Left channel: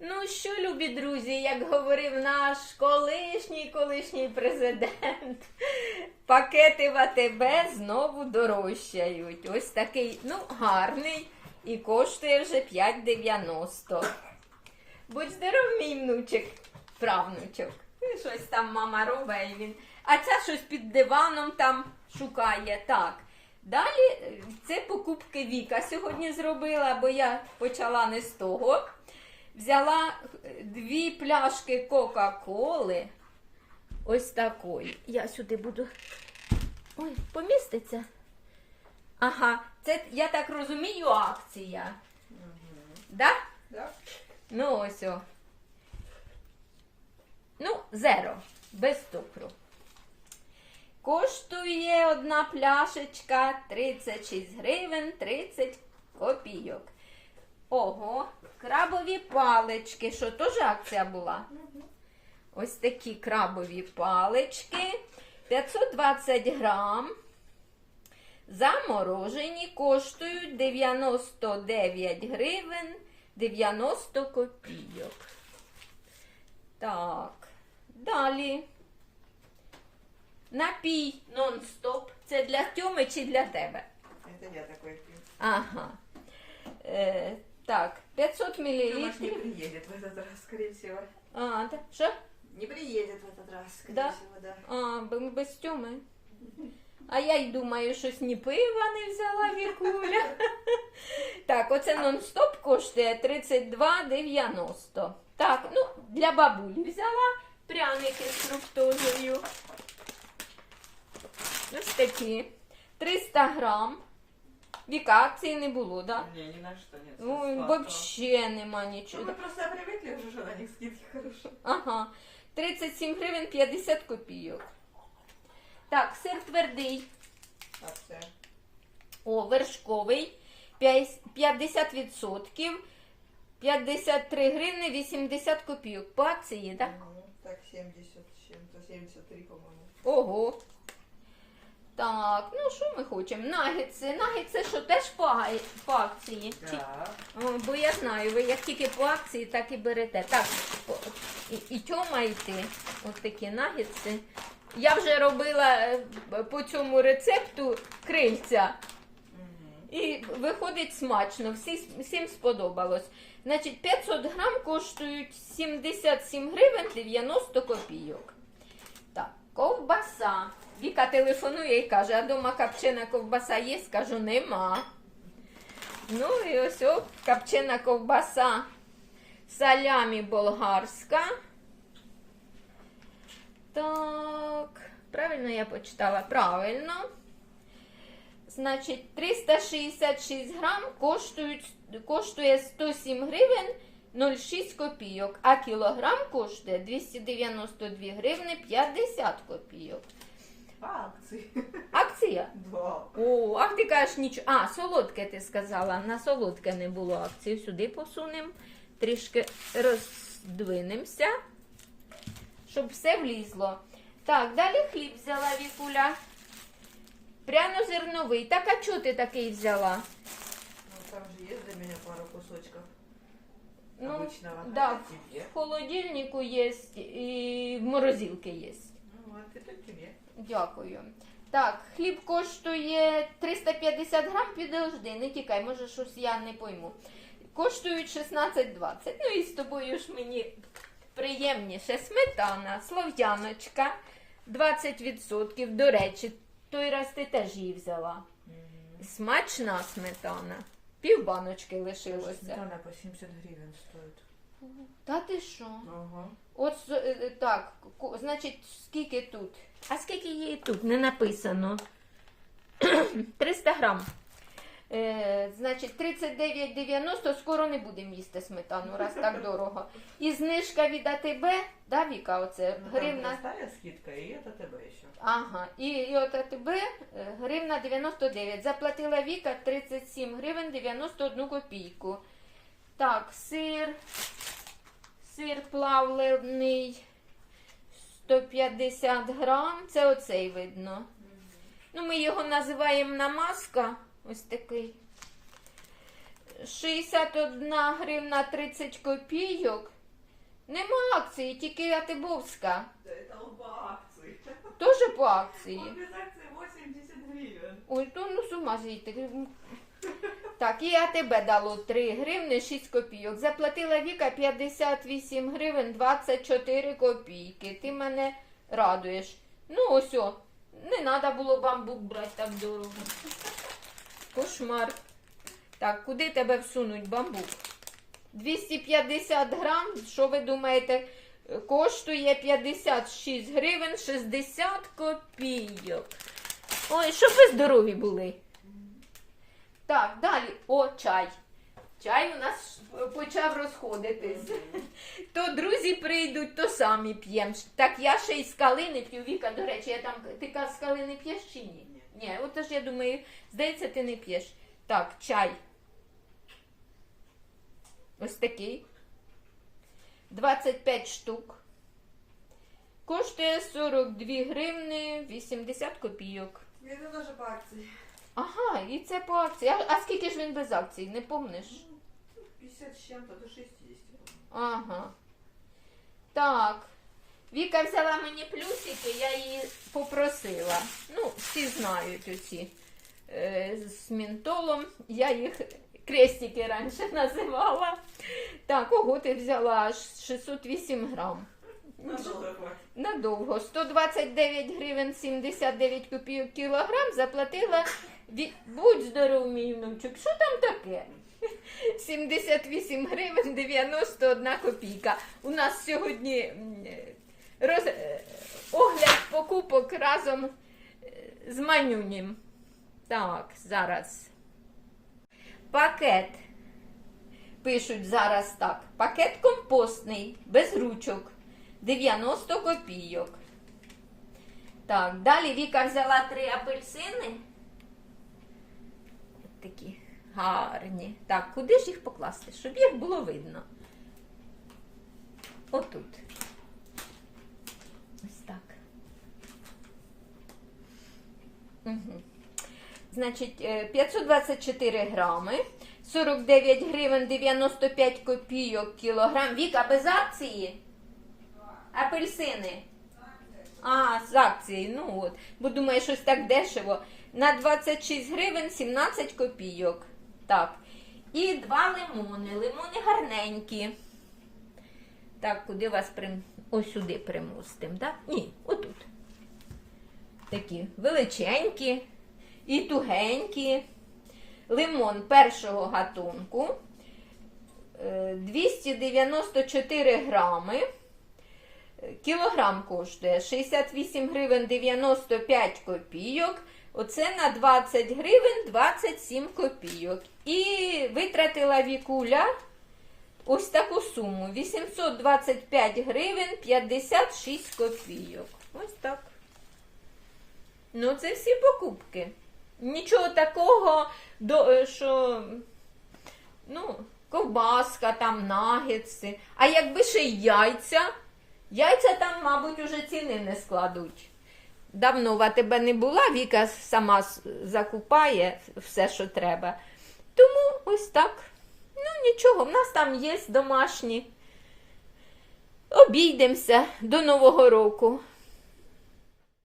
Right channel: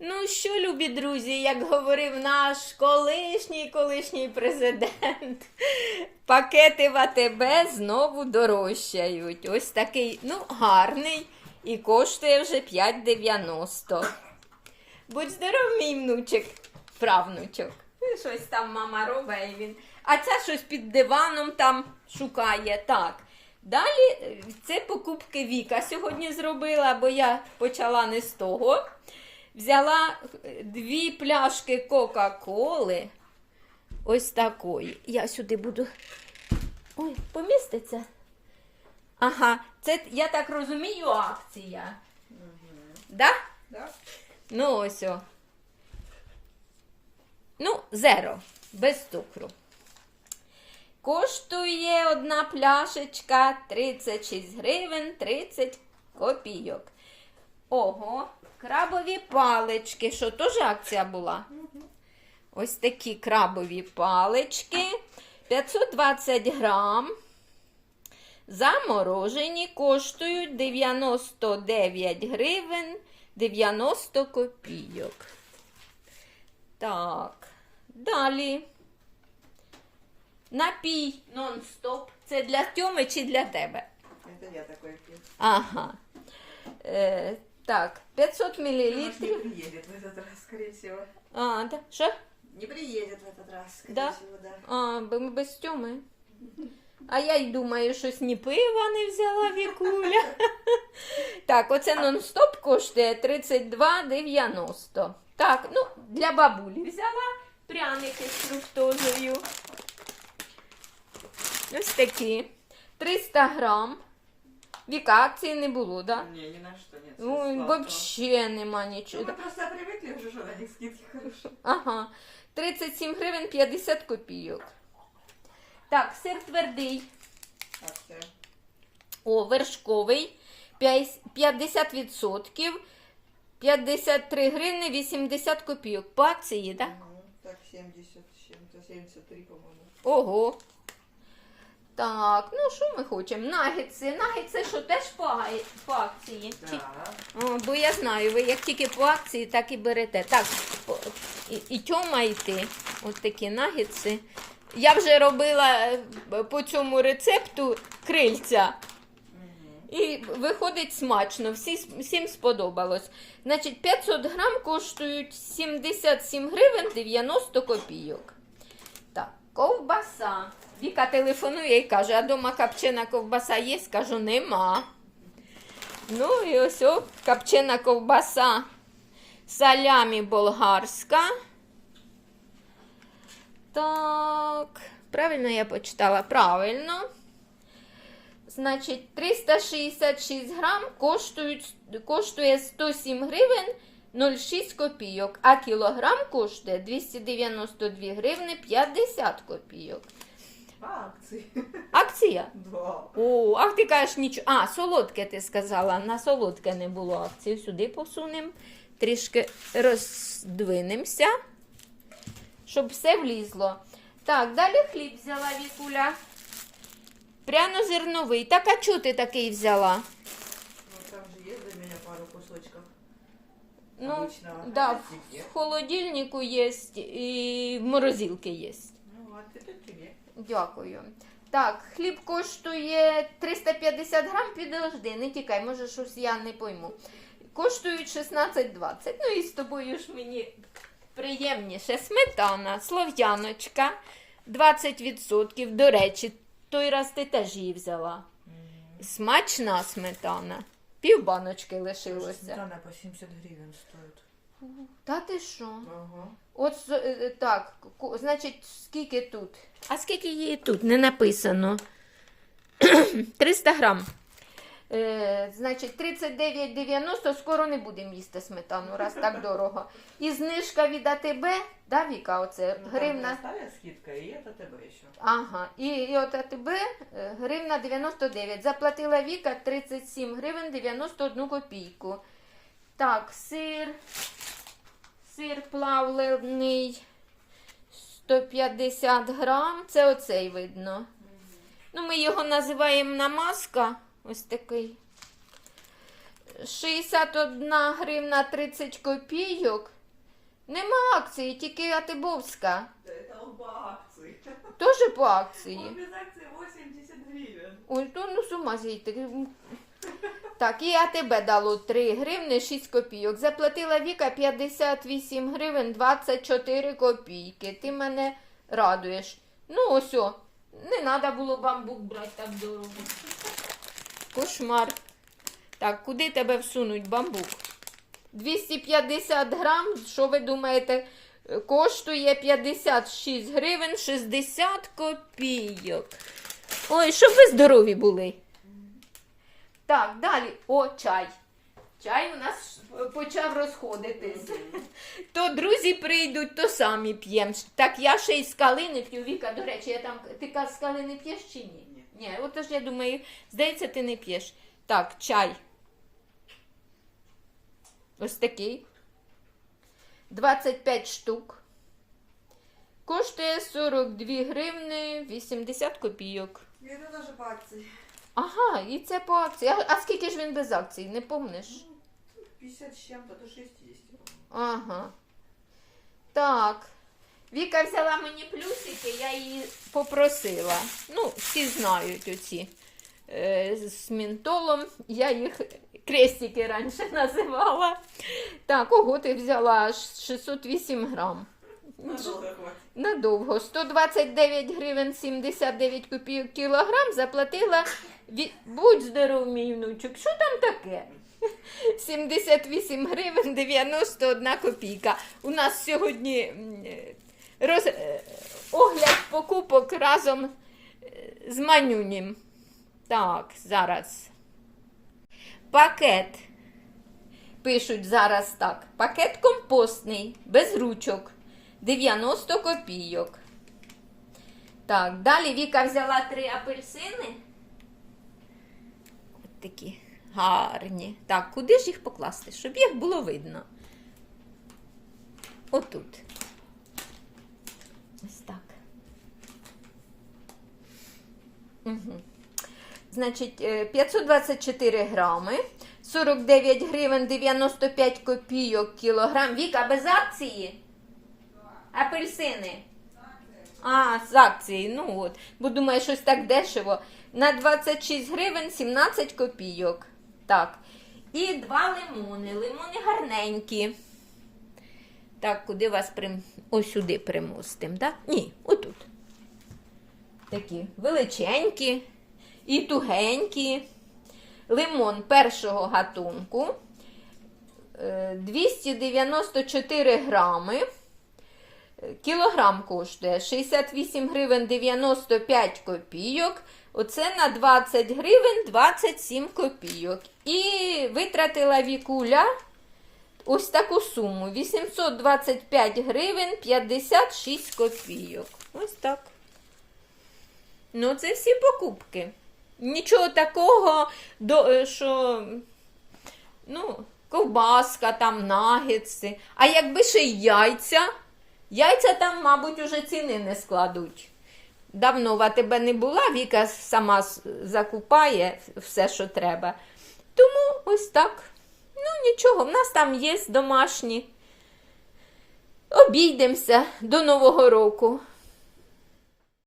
Ну що, любі друзі, як говорив наш колишній колишній президент, пакети в АТБ знову дорожчають. Ось такий, ну, гарний і коштує вже 5,90. Будь здоров, мій внучик, правнучок. Ну, щось там мама робить він. А ця щось під диваном там шукає. Так. Далі е, це покупки Віка сьогодні зробила, бо я почала не з того. Взяла е, дві пляшки Кока-Коли. Ось такої. Я сюди буду. Ой, поміститься. Ага, це, я так розумію, акція. Да? Да? Ну, ось о. Ну, зеро, без цукру. Коштує одна пляшечка 36 гривень 30 копійок. Ого, крабові палички. Що, теж акція була? Ось такі крабові палички. 520 грам. Заморожені коштують 99 гривень 90 копійок. Так, далі. Напій нон-стоп. Це для Тьоми чи для тебе? Это я такой пью. Ага. Е, так, 500 мл. Тёмаш не приедет в этот раз, скорее всего. А, да. Що? Не приедет в этот раз, скорее Да? всего, да. А, бо ми без Тьоми. А я й думаю, щось ні пива не взяла Вікуля. Так, оце нон-стоп коштує 32,90. Так, ну, для бабулі взяла пряники з фруктозою. Ось такі. 300 грам. Віка акції не було, так? Да? Не, ни на что нет. Ну, всё і сладкого. взагалі нема Ну, нічого. мы просто привыкли уже, что на них скидки хорошо. Ага. 37 гривень 50 копійок. Так, сир твердий. Акция. О, вершковий. П'ять- 50%. 53 гривни 80 копійок. По акції, так? Мгм. Так, 70 с чем-то, 73, по-моему. Ого. Так, ну що ми хочемо? Нагетси. Нагетси, що теж по, по акції. Чи-. О, бо я знаю, ви як тільки по акції, так і берете. Так, по- і, і тьома і ти. Ось такі нагетси. Я вже робила е, по цьому рецепту крильця. Мгм. І виходить смачно, всі, всім сподобалось. Значить, 500 грам коштують 77 гривень 90 копійок. Ковбаса. Віка телефонує і каже, а дома капчена ковбаса є? Кажу, нема. Ну і ось о, капчена ковбаса салямі болгарська. Так, правильно я почитала? Правильно. Значить, 366 грам коштує 107 гривень 0,6 копійок, а кілограм коштує 292 гривни 50 копійок. По акции. Акція? Да. О, ах ти кажеш нічого. А, солодке ти сказала. На солодке не було акції. Сюди посунемо, трішки роздвинемося, щоб все влізло. Так, далі хліб взяла Вікуля. Пряно-зерновий. Так, а чого ти такий взяла? Ну, Обычного. да, в холодильнику є і в морозилці є. Ну, вот это тебе. Дякую. Так, хліб коштує 350 грам, підожди, не тікай, може щось я не пойму. Коштують 16,20. Ну і з тобою ж мені приємніше. Сметана, слов'яночка, 20%. До речі, той раз ти теж її взяла. Смачна сметана. Пів баночки лишилося. Сметана по 70 гривен стоит. Та ти що? Ага. От е, е, так, значить, скільки тут? А скільки її тут? Не написано. 300 грам. Е, значить, 39,90 скоро не будемо їсти сметану, раз так дорого. І знижка від АТБ, да, Віка, оце Ну, гривна. Там простая скидка, и это ТБ еще. Ага, і, і от АТБ е, гривна 99. Заплатила Віка 37 гривень 91 копійку. Так, сир. Сир плавлений 150 грам. Це оцей видно. Ну, ми його називаємо намазка. Ось такий. 61 гривна 30 копійок. Нема акції, тільки Атибовська. Он по акции. Теж по акції. Он без акции 80 гривен. Ой, то ну з ума зійти. Так, і АТБ дало 3 гривни 6 копійок. Заплатила Віка 58 гривень 24 копійки. Ти мене радуєш. Ну, ось о, не треба було бамбук брати так дорого. Кошмар. Так, куди тебе всунуть бамбук? 250 грам, що ви думаєте, коштує 56 гривень 60 копійок. Ой, щоб ви здорові були. Так, далі. О, чай. Чай у нас почав розходитись. То друзі прийдуть, то самі п'ємо. Так я ще й з калини п'ю. Віка, до речі, я там. Ти з калини п'єш чи ні? Ні. Ні, отож я думаю, здається, ти не п'єш. Так, чай. Ось такий. 25 штук. Коштує 42 гривни 80 копійок. Это даже по акции. Ага, і це по акції. А, а скільки ж він без акцій, не помниш? 50 с чем-то до 60. Ага. Так. Віка взяла мені плюсики, я її попросила. Ну, всі знають оці е, з мінтолом. Я їх крестики раніше називала. Так, ого, ти взяла аж 608 грам. Хватит. Надовго. 129 гривень 79 копійок кілограм заплатила. Ві... Будь здоров, мій внучок. Що там таке? 78 гривень 91 копійка. У нас сьогодні роз... е, огляд покупок разом е, з манюнім. Так, зараз. Пакет. Пишуть зараз так. Пакет компостний, без ручок. 90 копійок. Так, далі Віка взяла три апельсини. От такі гарні. Так, куди ж їх покласти? Щоб їх було видно. Отут. Ось так. Значить, е, 524 грами, 49 гривень 95 копійок кілограм. Віка без акції? Апельсини. А, з акції, ну от. Бо думаю, щось так дешево. На 26 гривень 17 копійок. Так. І два лимони. Лимони гарненькі. Так, куди вас прим... Ось сюди примостим, так? Ні, отут. Такі величенькі і тугенькі. Лимон першого гатунку. Е, 294 грами. Кілограм коштує 68 гривень 95 копійок. Оце на 20 гривень 27 копійок. І витратила вікуля ось таку суму: 825 гривень 56 копійок. Ось так. Ну, це всі покупки. Нічого такого, е, що ну, ковбаска, там, нагетси. А якби ще й яйця, яйця там, мабуть, уже ціни не складуть. Давно в АТБ не була, Віка сама закупає все, що треба. Тому ось так. Ну, нічого, в нас там є домашні. Обійдемося до Нового року.